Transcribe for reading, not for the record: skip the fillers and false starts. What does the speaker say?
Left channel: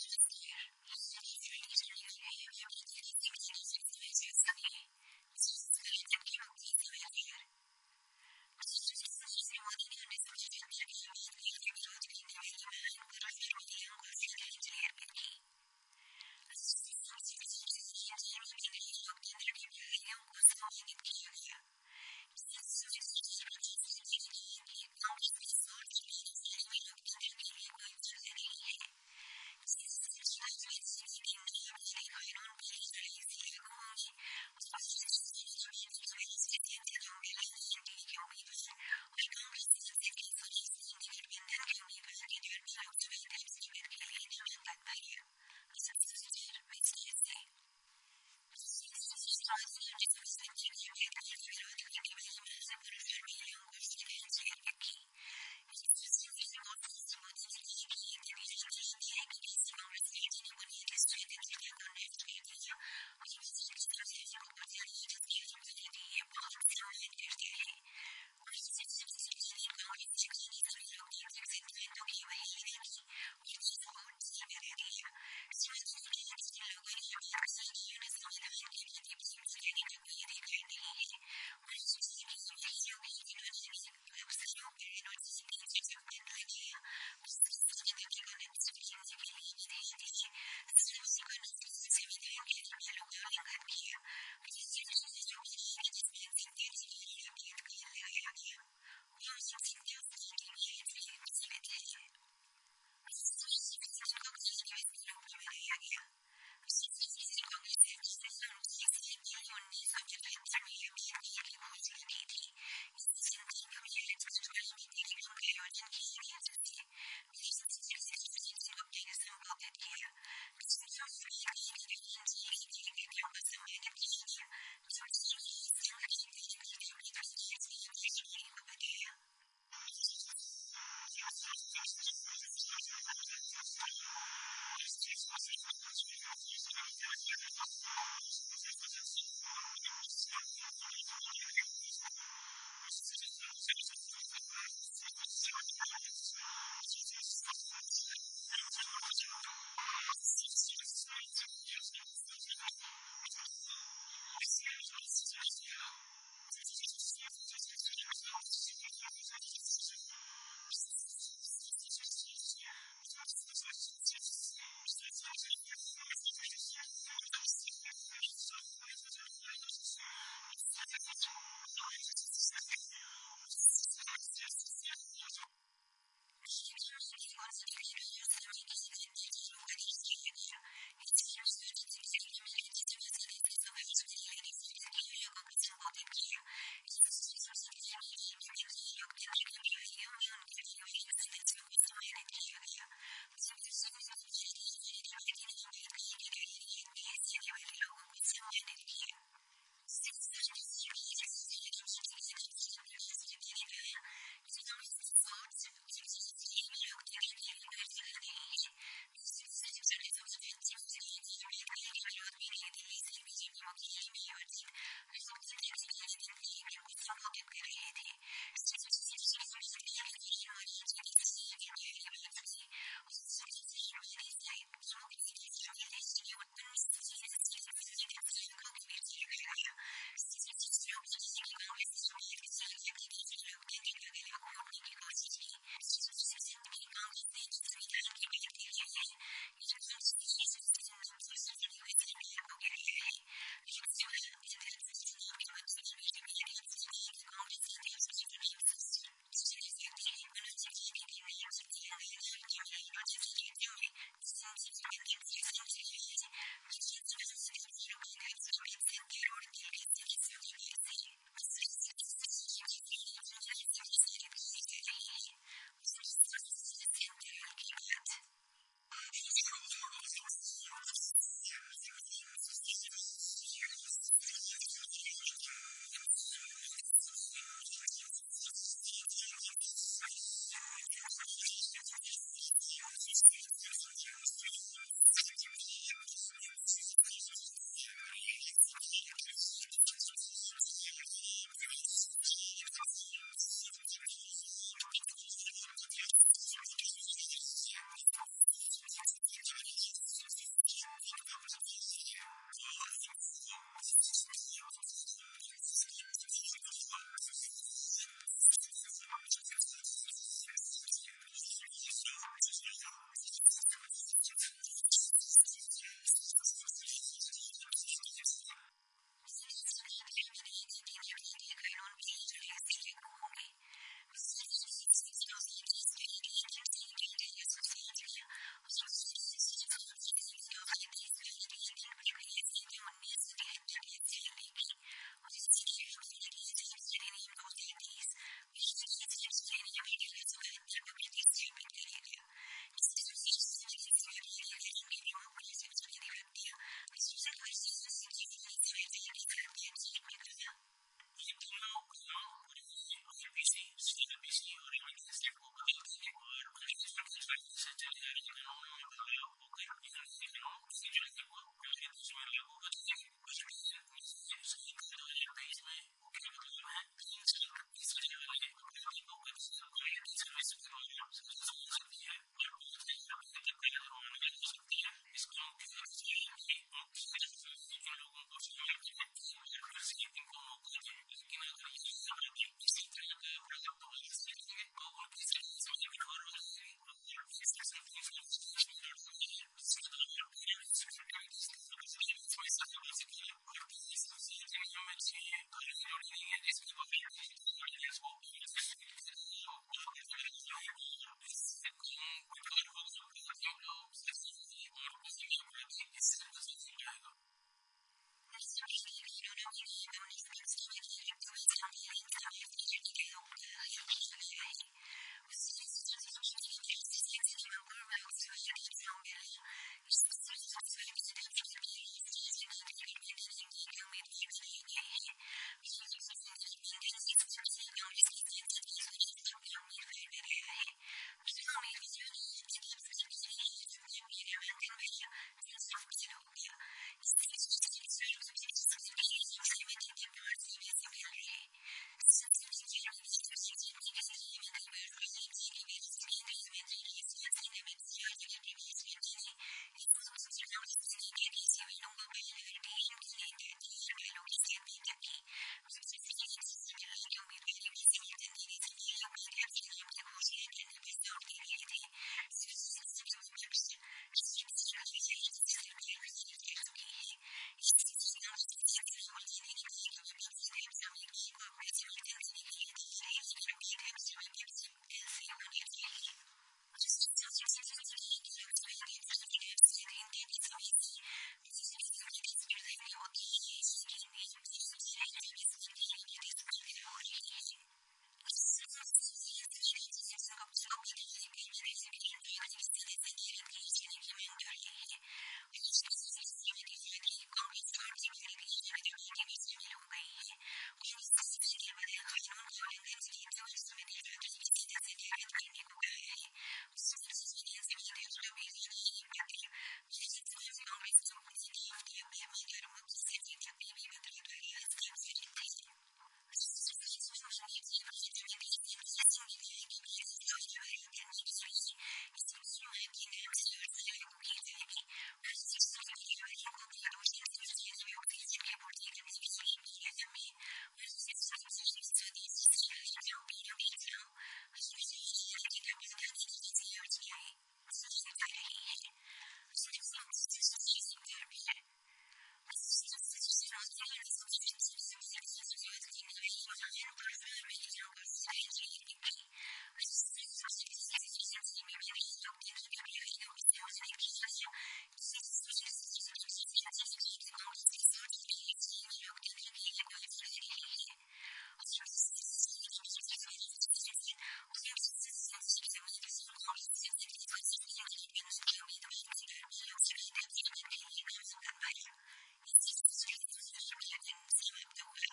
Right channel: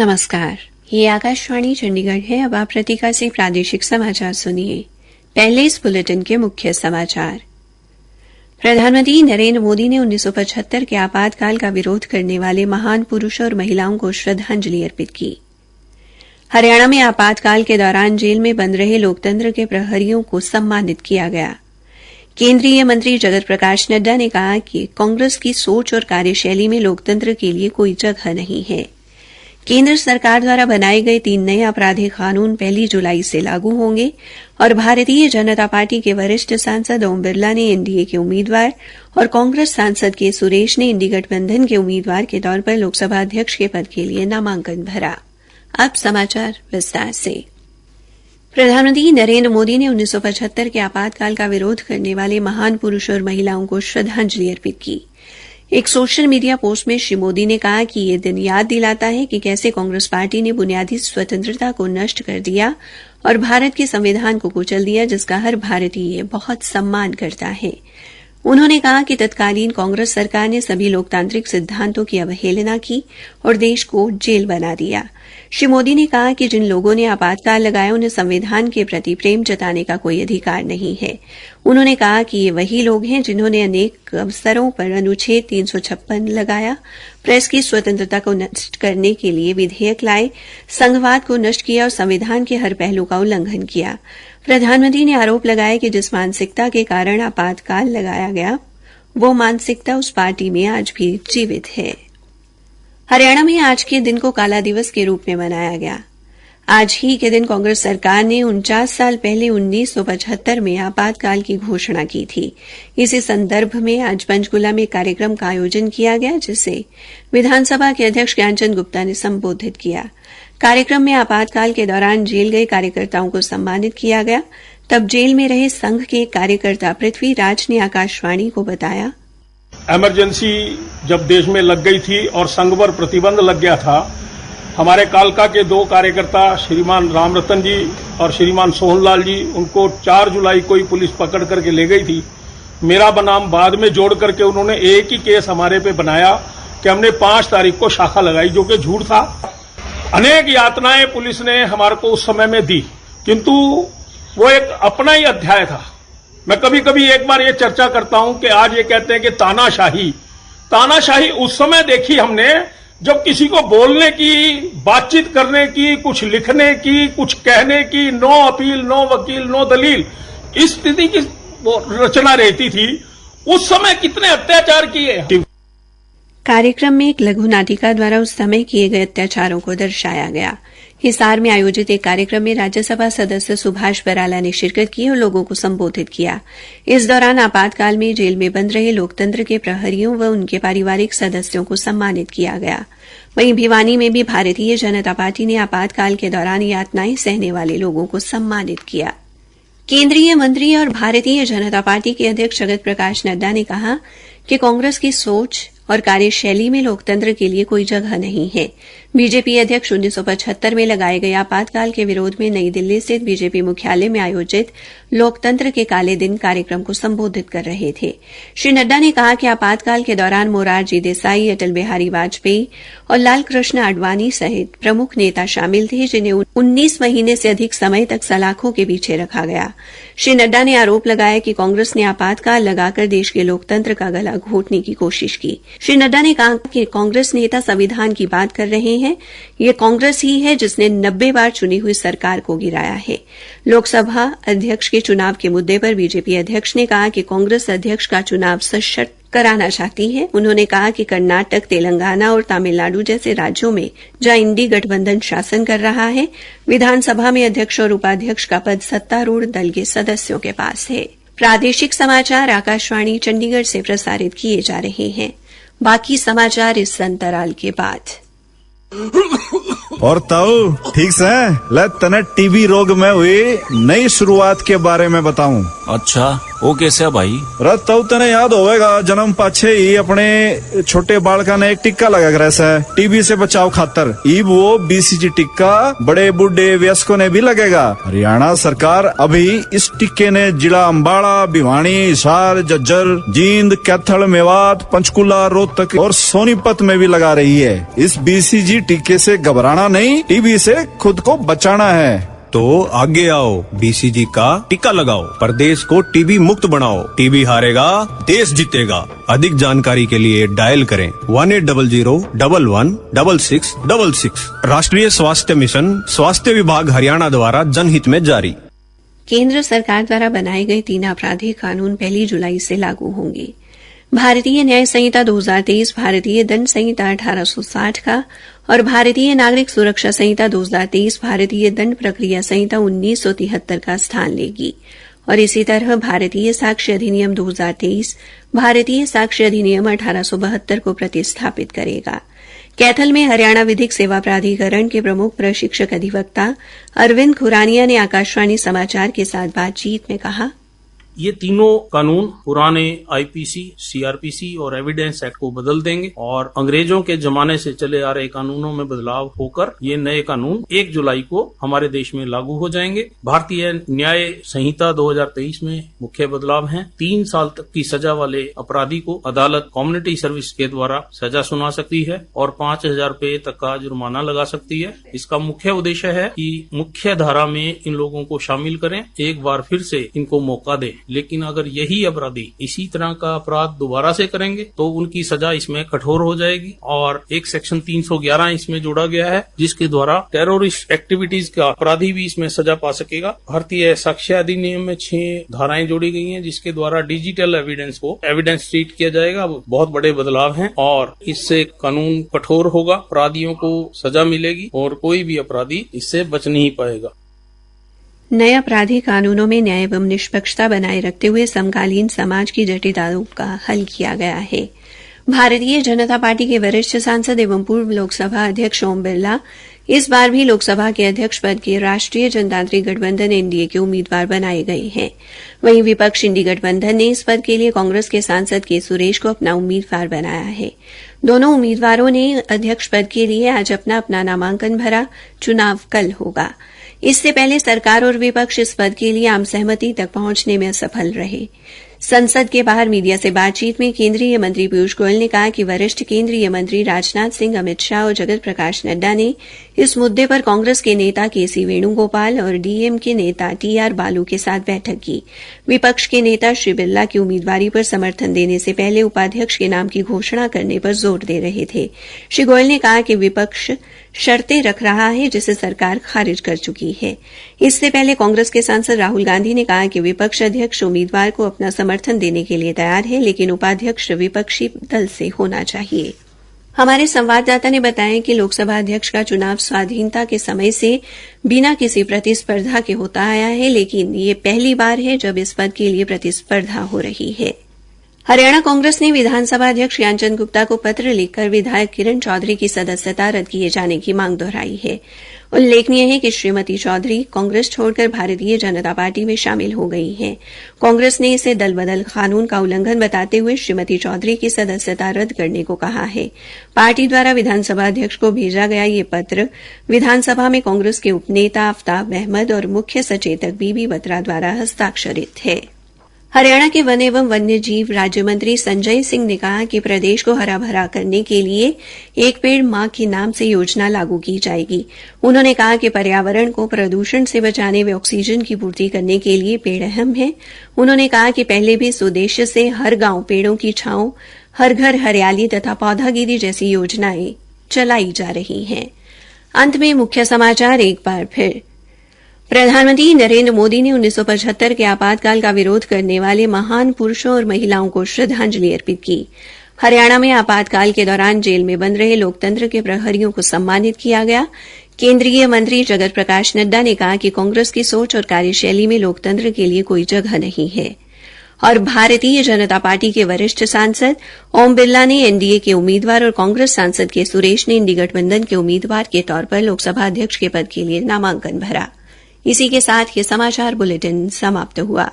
नमस्कार, ये आकाशवाणी चंडीगढ़ है। अब आप प्रतीका से प्रादेशिक समाचार सुनिए। पहले इस बुलेटिन के मुख्य समाचार। प्रधानमंत्री नरेंद्र मोदी ने 1975 के आपातकाल का विरोध करने वाले महान पुरुषों और महिलाओं को श्रद्धांजलि अर्पित की। हरियाणा में आपातकाल के दौरान जेल में बंद रहे लोकतंत्र के प्रहरियों को सम्मानित किया गया। केंद्रीय मंत्री जगत प्रकाश नड्डा ने कहा कि कांग्रेस की सोच और कार्यशैली में लोकतंत्र के लिए कोई जगह नहीं है। केंद्र सरकार द्वारा बनाए गए 3 नए आपराधिक कानून 1 जुलाई से लागू होंगे और भारतीय जनता पार्टी के वरिष्ठ सांसद ओम बिरला ने एनडीए के उम्मीदवार और कांग्रेस सांसद के सुरेश ने इंडी गठबंधन के उम्मीदवार के तौर पर लोकसभा अध्यक्ष के पद के लिए नामांकन भरा। अब समाचार विस्तार से। प्रधानमंत्री नरेंद्र मोदी ने 1975 के आपातकाल का विरोध करने वाले महान पुरुषों और महिलाओं को श्रद्धांजलि अर्पित की। एक सोशल मीडिया पोस्ट में श्री मोदी ने कहा कि यह दिन याद दिलाता है कि कैसे कांग्रेस पार्टी ने बुनियादी स्वतंत्रता को नष्ट कर दिया और भारत के संविधान को कुचल दिया, जिसका हर भारतीय बहुत सम्मान करता है। उन्होंने कहा कि तत्कालीन कांग्रेस सरकार ने सभी लोकतांत्रिक सिद्धांतों की अवहेलना की और देश को जेल बना दिया। श्री मोदी ने कहा कि जिन लोगों ने आपातकाल लगाया उन्हें संविधान के प्रति प्रेम जताने का कोई अधिकार नहीं है। उन्होंने कहा कि ये वही लोग हैं जिन्होंने अनेक अवसरों पर अनुच्छेद 356 लगाया, प्रेस की स्वतंत्रता को नष्ट करने के लिए विधेयक लाए, संघवाद को नष्ट किया और संविधान के हर पहलू का उल्लंघन किया। प्रधानमंत्री ने आरोप लगाया कि जिस मानसिकता के कारण आपातकाल लगाया गया, वो मानसिकता उस पार्टी में आज भी जीवित है। हरियाणा में आज के दिन को काला दिवस के रूप में मनाया गया। आज ही के दिन कांग्रेस सरकार ने 49 साल पहले 1975 में आपातकाल की घोषणा की थी। इसी संदर्भ में आज पंचकुला में कार्यक्रम का आयोजन किया गया, जिसे विधानसभा के अध्यक्ष ज्ञानचंद गुप्ता ने संबोधित किया। कार्यक्रम में आपातकाल के दौरान जेल गए कार्यकर्ताओं को सम्मानित किया गया। तब जेल में रहे संघ के कार्यकर्ता पृथ्वीराज ने आकाशवाणी को बताया, इमरजेंसी जब देश में लग गई थी और संघ पर प्रतिबंध लग गया था, हमारे कालका के 2 कार्यकर्ता श्रीमान रामरतन जी और श्रीमान सोहनलाल जी, उनको 4 जुलाई को ही पुलिस पकड़ करके ले गई थी। मेरा बनाम बाद में जोड़ करके उन्होंने एक ही केस हमारे पे बनाया कि हमने 5 तारीख को शाखा लगाई, जो कि झूठ था। अनेक यातनाएं पुलिस ने हमारे को उस समय में दी, किंतु वो एक अपना ही अध्याय था। मैं कभी कभी एक बार ये चर्चा करता हूं कि आज ये कहते हैं कि तानाशाही उस समय देखी हमने जब किसी को बोलने की, बातचीत करने की, कुछ लिखने की, कुछ कहने की, नो अपील, नो वकील, नो दलील, इस स्थिति की रचना रहती थी। उस समय कितने अत्याचार किए। कार्यक्रम में एक लघु नाटिका द्वारा उस समय किए गए अत्याचारों को दर्शाया गया। हिसार में आयोजित एक कार्यक्रम में राज्यसभा सदस्य सुभाष बराला ने शिरकत की और लोगों को संबोधित किया। इस दौरान आपातकाल में जेल में बंद रहे लोकतंत्र के प्रहरियों व उनके पारिवारिक सदस्यों को सम्मानित किया गया। वहीं भिवानी में भी भारतीय जनता पार्टी ने आपातकाल के दौरान यातनाएं सहने वाले लोगों को सम्मानित किया। केंद्रीय मंत्री और भारतीय जनता पार्टी के अध्यक्ष जगत प्रकाश नड्डा ने कहा कि कांग्रेस की सोच और कार्यशैली में लोकतंत्र के लिए कोई जगह नहीं है। बीजेपी अध्यक्ष 1975 में लगाए गए आपातकाल के विरोध में नई दिल्ली स्थित बीजेपी मुख्यालय में आयोजित लोकतंत्र के काले दिन कार्यक्रम को संबोधित कर रहे थे। श्री नड्डा ने कहा कि आपातकाल के दौरान मोरारजी देसाई, अटल बिहारी वाजपेयी और लाल कृष्ण आडवाणी सहित प्रमुख नेता शामिल थे, जिन्हें 19 महीने से अधिक समय तक सलाखों के पीछे रखा गया। श्री नड्डा ने आरोप लगाया कि कांग्रेस ने आपातकाल लगाकर देश के लोकतंत्र का गला घोटने की कोशिश की। श्री नड्डा ने कहा कि कांग्रेस नेता संविधान की बात कर रहे हैं। ये कांग्रेस ही है जिसने 90 बार चुनी हुई सरकार को गिराया है। लोकसभा अध्यक्ष के चुनाव के मुद्दे पर बीजेपी अध्यक्ष ने कहा कि कांग्रेस अध्यक्ष का चुनाव सशर्त कराना चाहती है। उन्होंने कहा कि कर्नाटक, तेलंगाना और तमिलनाडु जैसे राज्यों में जहां इंडी गठबंधन शासन कर रहा है, विधानसभा में अध्यक्ष और उपाध्यक्ष का पद सत्तारूढ़ दल के सदस्यों के पास है। प्रादेशिक समाचार आकाशवाणी चंडीगढ़ से प्रसारित किए जा रहे हैं। बाकी समाचार इस अंतराल के बाद। और ताऊ ठीक से ले, तने टीबी रोग में हुई नई शुरुआत के बारे में बताऊं। अच्छा, वो कैसे है भाई? रत तो तने याद होवेगा, जन्म पाछे ही अपने छोटे बालका ने एक टिक्का लगा कर ऐसा टीबी से बचाव खातर। ई वो बीसीजी टिक्का बड़े बूढ़े वयस्कों ने भी लगेगा। हरियाणा सरकार अभी इस टिक्के ने जिला अम्बाड़ा, भिवानी, हिसार, झज्जर, जींद, कैथल, मेवात, पंचकुला, रोहतक और सोनीपत में भी लगा रही है। इस बीसीजी टिक्के से घबराना नहीं, टीबी से खुद को बचाना है। तो आगे आओ, बीसीजी का टीका लगाओ, प्रदेश को टीबी मुक्त बनाओ। टीबी हारेगा, देश जीतेगा। अधिक जानकारी के लिए डायल करें 1800-11-6666। राष्ट्रीय स्वास्थ्य मिशन, स्वास्थ्य विभाग हरियाणा द्वारा जनहित में जारी। केंद्र सरकार द्वारा बनाए गए 3 आपराधिक कानून 1 जुलाई से लागू होंगे। भारतीय न्याय संहिता 2023, भारतीय दंड संहिता 1860 का और भारतीय नागरिक सुरक्षा संहिता 2023, भारतीय दंड प्रक्रिया संहिता 1973 का स्थान लेगी और इसी तरह भारतीय साक्ष्य अधिनियम 2023, भारतीय साक्ष्य अधिनियम 1872 को प्रतिस्थापित करेगा। कैथल में हरियाणा विधिक सेवा प्राधिकरण के प्रमुख प्रशिक्षक अधिवक्ता अरविंद खुरानिया ने आकाशवाणी समाचार के साथ बातचीत में कहा, ये तीनों कानून पुराने आईपीसी, सीआरपीसी और एविडेंस एक्ट को बदल देंगे और अंग्रेजों के जमाने से चले आ रहे कानूनों में बदलाव होकर ये नए कानून 1 जुलाई को हमारे देश में लागू हो जाएंगे। भारतीय न्याय संहिता 2023 में मुख्य बदलाव हैं। 3 साल तक की सजा वाले अपराधी को अदालत कम्युनिटी सर्विस के द्वारा सजा सुना सकती है और 5,000 रुपए तक का जुर्माना लगा सकती है। इसका मुख्य उद्देश्य है कि मुख्य धारा में इन लोगों को शामिल करें, एक बार फिर से इनको मौका दें। लेकिन अगर यही अपराधी इसी तरह का अपराध दोबारा से करेंगे तो उनकी सजा इसमें कठोर हो जाएगी और एक सेक्शन 311 इसमें जोड़ा गया है जिसके द्वारा टेररिस्ट एक्टिविटीज का अपराधी भी इसमें सजा पा सकेगा। भारतीय साक्ष्य अधिनियम में 6 धाराएं जोड़ी गई हैं जिसके द्वारा डिजिटल एविडेंस को एविडेंस ट्रीट किया जाएगा। बहुत बड़े बदलाव हैं और इससे कानून कठोर होगा, अपराधियों को सजा मिलेगी और कोई भी अपराधी इससे बच नहीं पाएगा। नए आपराधिक कानूनों में न्याय एवं निष्पक्षता बनाए रखते हुए समकालीन समाज की जटिलताओं का हल किया गया है। भारतीय जनता पार्टी के वरिष्ठ सांसद एवं पूर्व लोकसभा अध्यक्ष ओम बिरला इस बार भी लोकसभा के अध्यक्ष पद के राष्ट्रीय जनतांत्रिक गठबंधन एनडीए के उम्मीदवार बनाए गए हैं। वहीं विपक्ष इंडी गठबंधन ने इस पद के लिए कांग्रेस के सांसद के सुरेश को अपना उम्मीदवार बनाया है। दोनों उम्मीदवारों ने अध्यक्ष पद के लिए आज अपना नामांकन भरा। चुनाव कल होगा। इससे पहले सरकार और विपक्ष इस पद के लिए आम सहमति तक पहुंचने में असफल रहे। संसद के बाहर मीडिया से बातचीत में केंद्रीय मंत्री पीयूष गोयल ने कहा कि वरिष्ठ केंद्रीय मंत्री राजनाथ सिंह, अमित शाह और जगत प्रकाश नड्डा ने इस मुद्दे पर कांग्रेस के नेता केसी वेणुगोपाल और डीएम के नेता टीआर बालू के साथ बैठक की। विपक्ष के नेता श्री बिरला की उम्मीदवारी पर समर्थन देने से पहले उपाध्यक्ष के नाम की घोषणा करने पर जोर दे रहे थे। श्री गोयल ने कहा कि विपक्ष शर्तें रख रहा है जिसे सरकार खारिज कर चुकी है। इससे पहले कांग्रेस के सांसद राहुल गांधी ने कहा कि विपक्ष अध्यक्ष उम्मीदवार को अपना समर्थन देने के लिए तैयार है, लेकिन उपाध्यक्ष विपक्षी दल से होना चाहिए। हमारे संवाददाता ने बताया कि लोकसभा अध्यक्ष का चुनाव स्वाधीनता के समय से बिना किसी प्रतिस्पर्धा के होता आया है, लेकिन ये पहली बार है जब इस पद के लिए प्रतिस्पर्धा हो रही है। हरियाणा कांग्रेस ने विधानसभा अध्यक्ष ज्ञानचंद गुप्ता को पत्र लिखकर विधायक किरण चौधरी की सदस्यता रद्द किए जाने की मांग दोहराई है। उल्लेखनीय है कि श्रीमती चौधरी कांग्रेस छोड़कर भारतीय जनता पार्टी में शामिल हो गई हैं। कांग्रेस ने इसे दल बदल कानून का उल्लंघन बताते हुए श्रीमती चौधरी की सदस्यता रद्द करने को कहा है। पार्टी द्वारा विधानसभा अध्यक्ष को भेजा गया ये पत्र विधानसभा में कांग्रेस के उपनेता आफ्ताब अहमद और मुख्य सचेतक बीबी बत्रा द्वारा हस्ताक्षरित है। हरियाणा के वन एवं वन्य जीव राज्य मंत्री संजय सिंह ने कहा कि प्रदेश को हरा भरा करने के लिए एक पेड़ मां के नाम से योजना लागू की जाएगी। उन्होंने कहा कि पर्यावरण को प्रदूषण से बचाने व ऑक्सीजन की पूर्ति करने के लिए पेड़ अहम है। उन्होंने कहा कि पहले भी इस उद्देश्य से हर गांव पेड़ों की छांव, हर घर हरियाली तथा पौधागिरी जैसी योजनाएं चलाई जा रही हैं। अंत में मुख्य समाचार एक बार फिर। प्रधानमंत्री नरेंद्र मोदी ने 1975 के आपातकाल का विरोध करने वाले महान पुरुषों और महिलाओं को श्रद्धांजलि अर्पित की। हरियाणा में आपातकाल के दौरान जेल में बंद रहे लोकतंत्र के प्रहरियों को सम्मानित किया गया। केंद्रीय मंत्री जगत प्रकाश नड्डा ने कहा कि कांग्रेस की सोच और कार्यशैली में लोकतंत्र के लिए कोई जगह नहीं है। और भारतीय जनता पार्टी के वरिष्ठ सांसद ओम बिरला ने एनडीए के उम्मीदवार और कांग्रेस सांसद के सुरेश ने इंडी गठबंधन के उम्मीदवार के तौर पर लोकसभा अध्यक्ष के पद के लिए नामांकन भरा। इसी के साथ ये समाचार बुलेटिन समाप्त हुआ।